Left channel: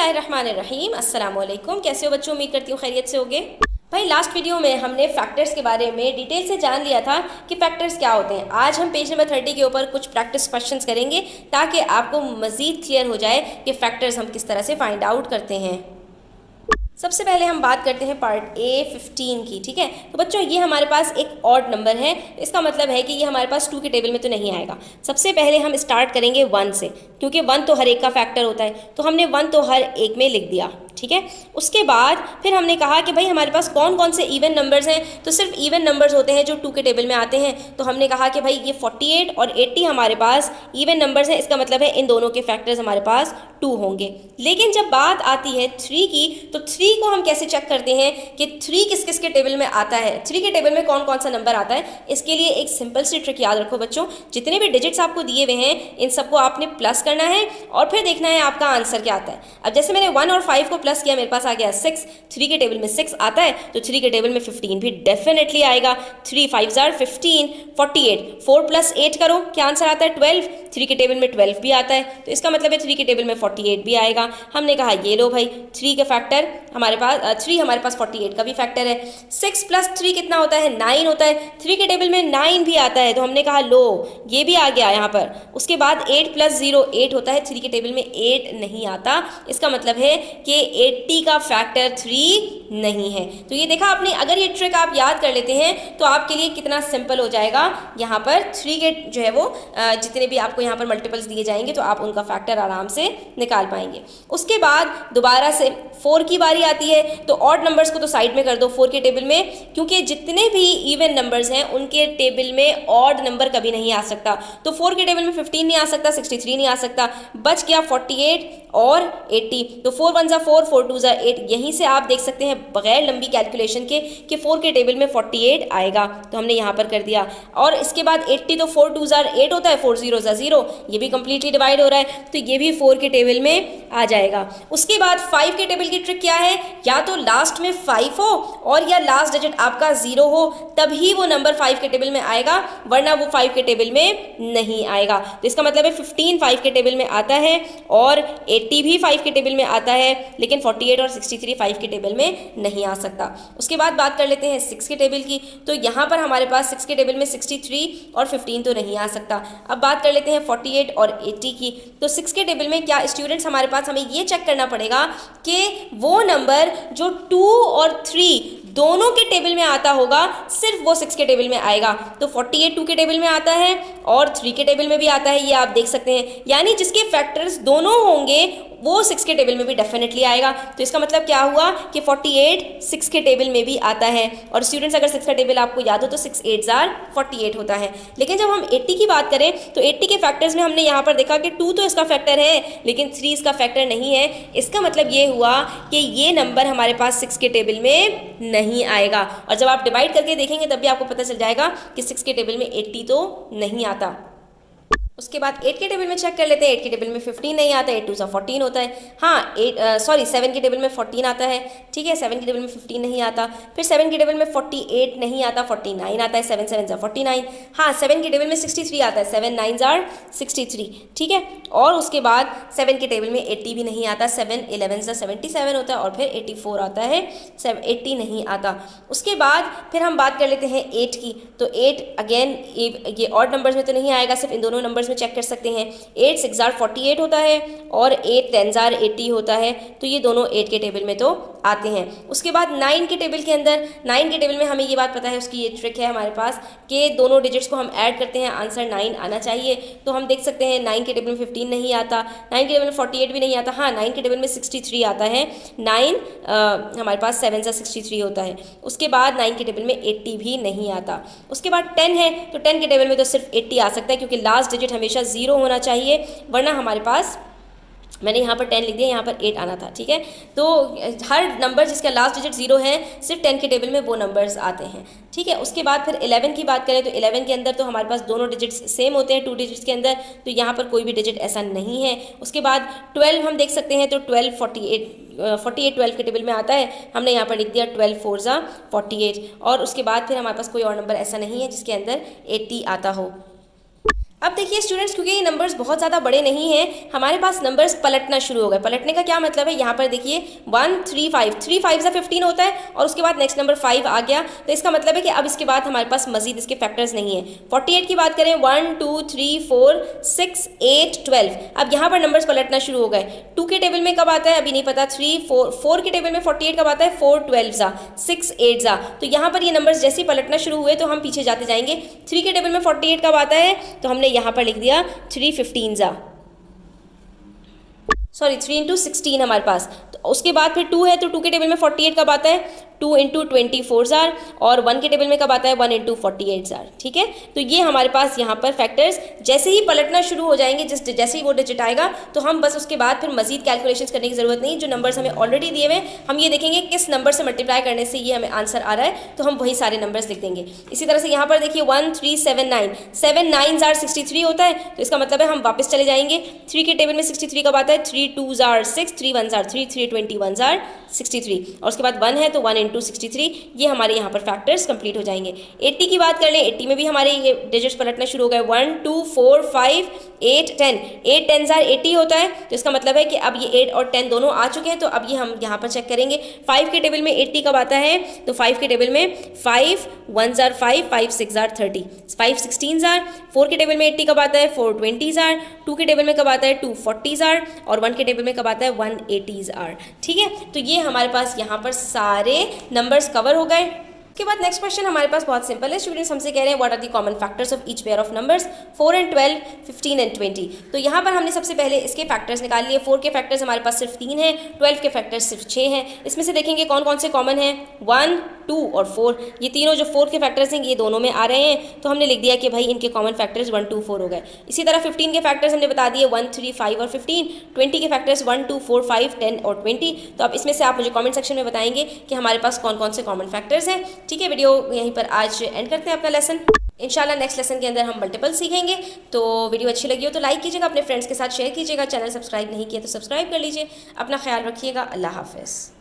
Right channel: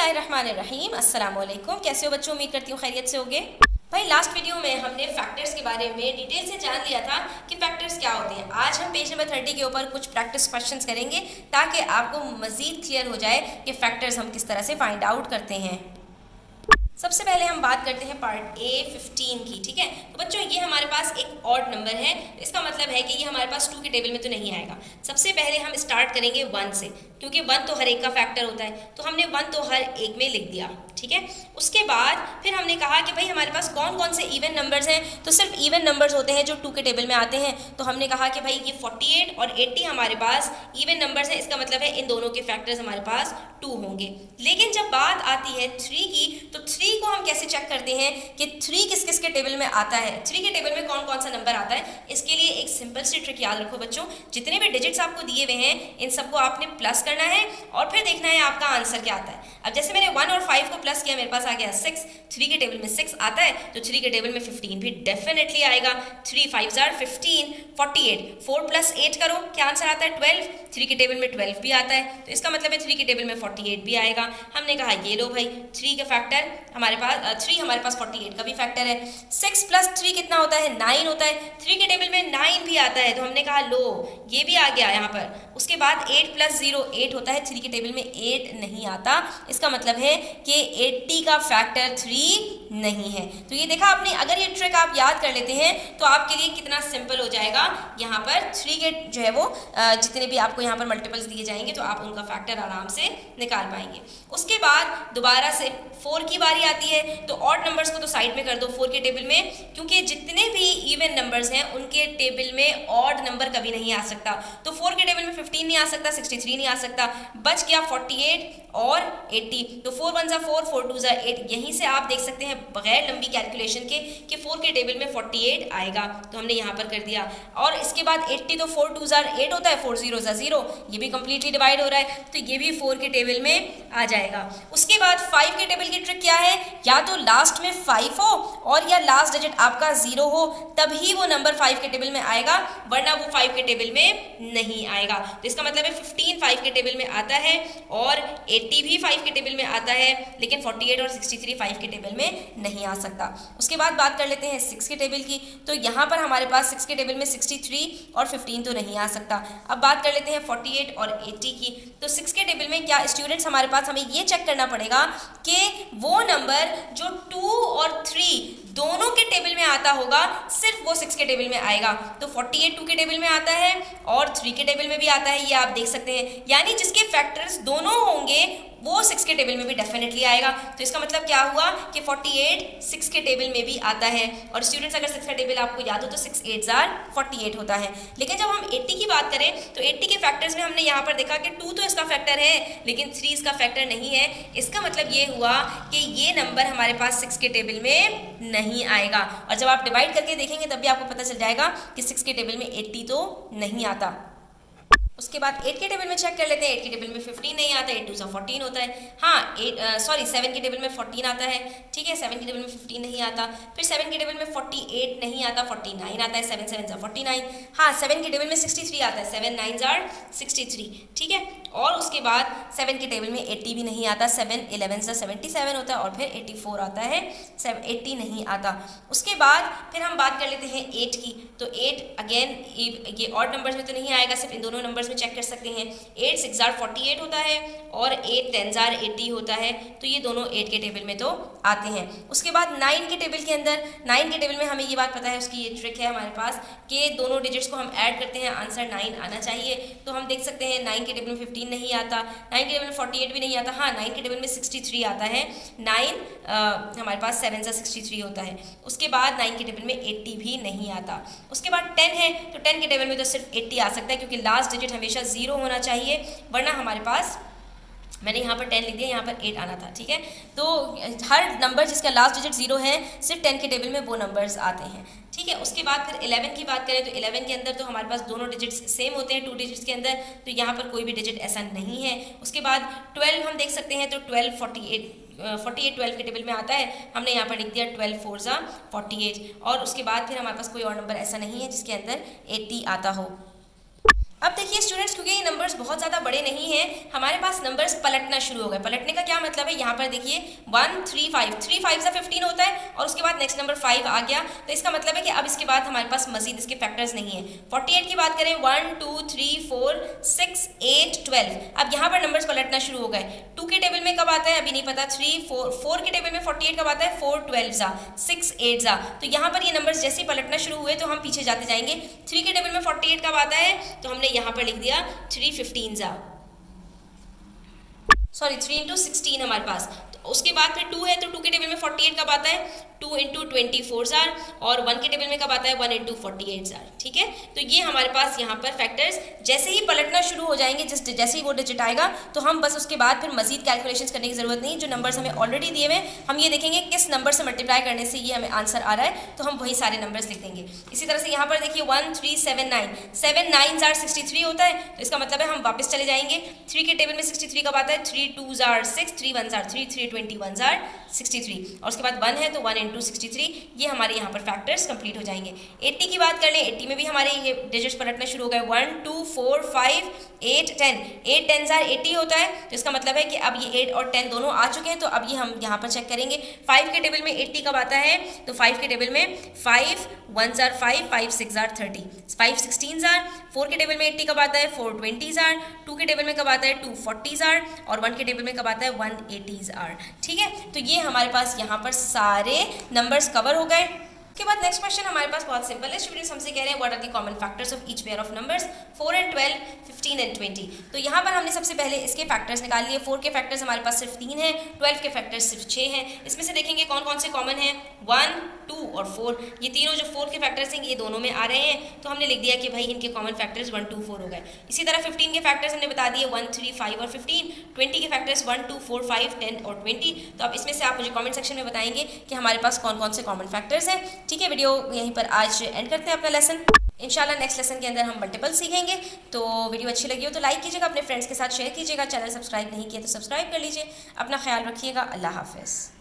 बिस्मिल्लाहिर्रहमानिर्रहीम। अस्सलाम वालेकुम। कैसे हो बच्चों? उम्मीद करती हूँ खैरियत से होगे। भाई लास्ट वीडियो में हमने फैक्टर्स के बारे में डिटेल से जान लिया था कि फैक्टर्स क्या होते हैं। आज हम पेज नंबर 30 के ऊपर कुछ प्रैक्टिस क्वेश्चंस करेंगे ताकि आपको मज़ीद क्लियर हो जाए कि फैक्टर्स हम किस तरह से फाइंड आउट करते हैं। सबसे पहले हम बात करते हैं पार्ट ए 15 की। ठीक है, तो बच्चों ये हमारे पास एक ऑड नंबर है, इसका मतलब है कि ये हमारे पास 2 के टेबल में तो नहीं आएगा। सबसे पहले हम स्टार्ट करेंगे 1 से, क्योंकि 1 तो हर एक का फैक्टर होता है, तो हमने 1 तो हर एक में लिख दिया। ठीक है, उसके बाद फिर हमने कहा कि भाई हमारे पास कौन कौन से इवन नंबर्स हैं, तो सिर्फ इवन नंबर्स होते हैं जो 2 के टेबल में आते हैं। तो हमने कहा कि भाई ये 48 और 80 हमारे पास इवन नंबर्स हैं, इसका मतलब है इन दोनों के फैक्टर्स हमारे पास 2 होंगे। लेकिन जब बात आती है 3 की, तो 3 को हम कैसे चेक करते हैं कि 3 किस किस के टेबल में आता है, 3 के टेबल में कौन कौन सा नंबर आता है। इसके लिए एक सिंपल सी ट्रिक याद रखो बच्चों, जितने भी डिजिट्स आपको दिए हुए हैं इन सबको आपने प्लस करना है और फिर देखना है आपका आंसर क्या आता है। अब जैसे मैंने 1 और 5 को प्लस किया, मेरे पास आ गया 6। 3 के टेबल में 6 आता है, तो 3 के टेबल में 15 भी डेफिनेटली आएगा। 3 5 जार 15, 48, 4 + 8 करो, क्या आंसर आता है? 12। 3 के टेबल में 12 भी आता है, तो इसका मतलब है 3 के टेबल में 48 भी आएगा। हमने कहा ये लो भाई 3 का फैक्टर हमारे पास 3 हमारे पास 48 का भी फैक्टर है। 6 + 3 कितना होता है? 9 होता है। 3 के टेबल में 9 भी आता है, तो हमने कहा लो ये भी आ गया यहाँ पर। उसके बाद 8 + 0 8 होता है, 3 के टेबल में 8 नहीं आता, इसका मतलब है कि 80 का फैक्टर 3 नहीं है। तो ये देखा आपने, अगर ये ट्रिक आप याद कर लेते हैं तो आपके लिए कितना सिंपल हो जाएगा। यहाँ पर 3 के जो है वो जितने भी आपको यहाँ पर मल्टीपल्स दिए जाएंगे तो आप उनका फैक्टर आराम से निकाल पाएंगे। उसके बाद दोबारा से 4 की बारी आती है, तो ऑड नंबर्स को तो साइड में कर दो 4 के टेबल में, क्योंकि जितने भी इवन नंबर्स हैं उनके टेबल में ऑड नंबर कभी नहीं आ सकता। तो 4 के टेबल में 15 नहीं आ सकता, 63 नहीं आ सकता, बच गया 48 और 80। तो 4 1 4, 4 2 8। यहीं से आप देख सकते हैं बगैर लंबी कैलकुलेशन के कि 4 के टेबल में 48 आएगा, तो हमने यहाँ पर कर दिया। और इसके बाद 80, तो 4 2 8 होता है, 4 0 0, ये भी कंप्लीटली डिवाइड हो रहा है, तो ये भी 4 के टेबल में आ जाएगा। उसके बाद 5 के टेबल की ट्रिक क्या है? या तो लास्ट में 5 हो और या लास्ट डिजिट आपका 0 हो, तभी वो नंबर 5 के टेबल में आएगा, वरना वो 5 के टेबल में नहीं आएगा। तो इसका मतलब है 15 5 के टेबल में आता है और 80 भी 5 के टेबल में आता है, लेकिन 48 और 63 5 के टेबल में नहीं आ सकता। उसके बाद बात कर लेते हैं 6 के टेबल की, तो यहाँ पर हमारे पास 6 के टेबल में 63 और 15 तो नहीं आ सकता। अब बात कर लेते हैं 48 और 80 की, तो 6 के टेबल में क्या स्टूडेंट्स हमारे पास हमें ये चेक करना पड़ेगा कि वो नंबर जो 2 और 3 दोनों के टेबल में आता होगा, सिर्फ वो 6 के टेबल में आएगा। तो 48 2 के टेबल में आता है और 3 के टेबल में भी आता है, ये आप देख सकते हैं। यानी जिसके फैक्टर्स दोनों होंगे वो 6 के टेबल में भी डेफिनेटली आएगा। तो इसका मतलब क्या हुआ कि 48 6 के टेबल में भी आता है। और स्टूडेंट्स अगर 6 का टेबल आपको याद हो तो 6 8 जार 48 होता है। लेकिन जब हम 80 की बात करें तो 80 के फैक्टर्स में हमने यहाँ पर देखा कि 2 तो इसका फैक्टर है, लेकिन 3 इसका फैक्टर नहीं है। इसका मतलब ये हुआ कि ये नंबर हमारे पास 6 के टेबल में नहीं आएगा। और जब आप डिवाइड करके देखेंगे तब भी आपको पता चल जाएगा कि 6 के टेबल में 80 तो नहीं आता। उसके बाद 8 के टेबल में चेक कर लेते हैं। 8 के टेबल में 15 नहीं आता, 8 2 14 होता है। हाँ 7 के टेबल में 14 आता है, ठीक है, 7 के टेबल में 15 नहीं आता। फिर 7 के टेबल में 48 नहीं आता, 49 आता है, 7 7 जा 49। हाँ 7 के टेबल में 63 आता है, 7 9 जार 63, ठीक है। और उसके बाद 7 के टेबल में 80 भी नहीं आता, 7 11 जा 77 होता है, और फिर 84 आता है, 80 नहीं आता। उसके बाद फिर हम बात कर लेते हैं 8 की, तो 8 अगेन ये ऑड नंबर्स में तो नहीं आएगा, सिर्फ इन दोनों नंबर्स में चेक कर सकते हैं। 8 6 जार 48 होता है और 8 10 जार 80 होता है, तो ये दोनों 8 के टेबल में तो आते हैं। उसके बाद 9 के टेबल के अंदर, 9 के टेबल में हमें ये बात पता है, उसकी एक ट्रिक है हमारे पास कि दोनों डिजिट्स को हम ऐड करते हैं, आंसर 9 आना चाहिए। तो हम देख सकते हैं 9 के टेबल में 15 नहीं आता, 9 के टेबल में 48 भी नहीं आता। हाँ 9 के टेबल में 63 आता है, 9 हमारे पास 7 सा 63 होता है। उसके बाद 9 के टेबल में 80 भी नहीं आता। उसके बाद 10 है, तो 10 के टेबल में तो सिर्फ 80 आ सकता है, क्योंकि लास्ट डिजिट हमेशा 0 होना चाहिए, वरना हमारे पास, मैंने यहाँ पर 10 लिख दिया, यहाँ पर 8 आना था, ठीक है। तो हर नंबर जिसका लास्ट डिजिट 0 है, सिर्फ 10 के टेबल में वो नंबर्स आते हैं, ठीक है। उसके बाद फिर 11 की बात करें तो 11 के अंदर तो हमारे पास दोनों डिजिट्स सेम होते हैं 2 डिजिट्स के अंदर, तो यहाँ पर कोई भी डिजिट ऐसा नहीं है। उसके बाद 12 हम देख सकते हैं, तो 12 48 12 के टेबल में आता है, हमने यहाँ पर लिख दिया 12 4 जा 48। और उसके बाद फिर हमारे पास कोई और नंबर ऐसा नहीं है जिसके अंदर 80 आता हो। अब देखिए स्टूडेंट्स, क्योंकि ये नंबर्स बहुत ज़्यादा बड़े नहीं हैं, हमारे पास नंबर्स पलटना शुरू हो गए। पलटने का क्या मतलब है, यहाँ पर देखिए 1 3 5, 3 5 सा 15 होता है और उसके बाद नेक्स्ट नंबर 5 आ गया, तो इसका मतलब है कि अब इसके बाद हमारे पास मजीद इसके फैक्टर्स नहीं है। 48 की बात करें, 1 2 3 4 6 8 12, अब यहाँ पर नंबर्स पलटना शुरू हो गए। 2 के टेबल में कब आता है अभी नहीं पता, 3 4 के टेबल में 48 कब आता है, 4 12 सा 6 8 सा, तो यहाँ पर ये नंबर्स जैसे ही पलटना शुरू हुए तो हम पीछे जाते जाएंगे। 3 के टेबल में 48 कब आता है, तो हमने यहाँ पर लिख दिया 3 15 सा, सॉरी 3 इंटू 16 हमारे पास। तो उसके बाद फिर 2 है, तो 2 के टेबल में 48 कब आता है, 2 इंटू 24 जार, और 1 के टेबल में कब आता है, 1 इंटू 48 जार। ठीक है, तो ये हमारे पास यहाँ पर फैक्टर्स जैसे ही पलटना शुरू हो जाएंगे, जैसे ही वो डिजिट आएगा तो हम बस उसके बाद फिर मजीद कैलकुलेशंस करने की जरूरत नहीं। जो नंबर्स हमें ऑलरेडी दिए हुए हम ये देखेंगे किस नंबर से मल्टीप्लाई करने से ये हमें आंसर आ रहा है, तो हम वही सारे नंबर्स लिख देंगे। इसी तरह से यहाँ पर देखिए 1 3 7 9, 7 9 जार 63 होता है, तो इसका मतलब है हम वापस चले जाएंगे। 3 के टेबल में 63 कब आता है, 3 2 जार 6, 3 1 जार 3, 3 21 जार 63, और उसके बाद 1 है तो 1 इंटू 63, ये हमारे यहाँ पर फैक्टर्स कंप्लीट हो जाएंगे। 80 की बात कर लें, 80 में भी हमारे ये डिजिट्स पलटना शुरू हो गए, 1 2 4 5 8 10, 8 10 जार 80 होता है, तो इसका मतलब है कि अब ये 8 और 10 दोनों आ चुके हैं, तो अब ये हम यहाँ पर चेक करेंगे। 5 के टेबल में 80 कब आता है, तो 5 के टेबल में 5 1 जार 5, 5 6 जार 30, 5 16 जार। 4 के टेबल में 80 कब आता है, 4 20 जार। 2 के टेबल में कब आता है, 2 40 जार, और 1 के टेबल में कब आता है, 1 80 जार। ठीक है, तो ये हमारे पास यहाँ पर सारे नंबर्स कवर हो गए। उसके बाद नेक्स्ट क्वेश्चन हमारे पास बहुत सिंपल है। स्टूडेंट्स हमसे कह रहे हैं what are the common factors of each pair of numbers 4 and 12, 15 and 20। तो यहाँ पर हमने सबसे पहले इसके फैक्टर्स निकाल लिए। 4 के फैक्टर्स हमारे पास सिर्फ 3 हैं, 12 के फैक्टर्स सिर्फ 6 हैं। इसमें से देखेंगे कौन कौन से कॉमन हैं, 1 2 और 4, ये तीनों जो 4 के फैक्टर्स हैं ये दोनों में आ रहे हैं, तो हमने लिख दिया कि भाई इनके कॉमन फैक्टर्स 1 2 4 हो गए। इसी तरह 15 के फैक्टर्स हमने बता दिए 1 3 5 और 15। 20 के फैक्टर्स 1 2 4 5 10 और 20। तो अब इसमें से आप मुझे कमेंट सेक्शन में बताएंगे कि हमारे पास कौन कौन से कॉमन फैक्टर्स हैं। ठीक है, वीडियो यहीं पर आज एंड करते हैं अपना लेसन। इंशाल्लाह नेक्स्ट लेसन के अंदर हम मल्टीपल सीखेंगे। तो वीडियो अच्छी लगी हो तो लाइक कीजिएगा, अपने फ्रेंड्स के साथ शेयर कीजिएगा, चैनल सब्सक्राइब नहीं किया तो सब्सक्राइब कर लीजिए। अपना ख्याल रखिएगा, अल्लाह हाफिज़।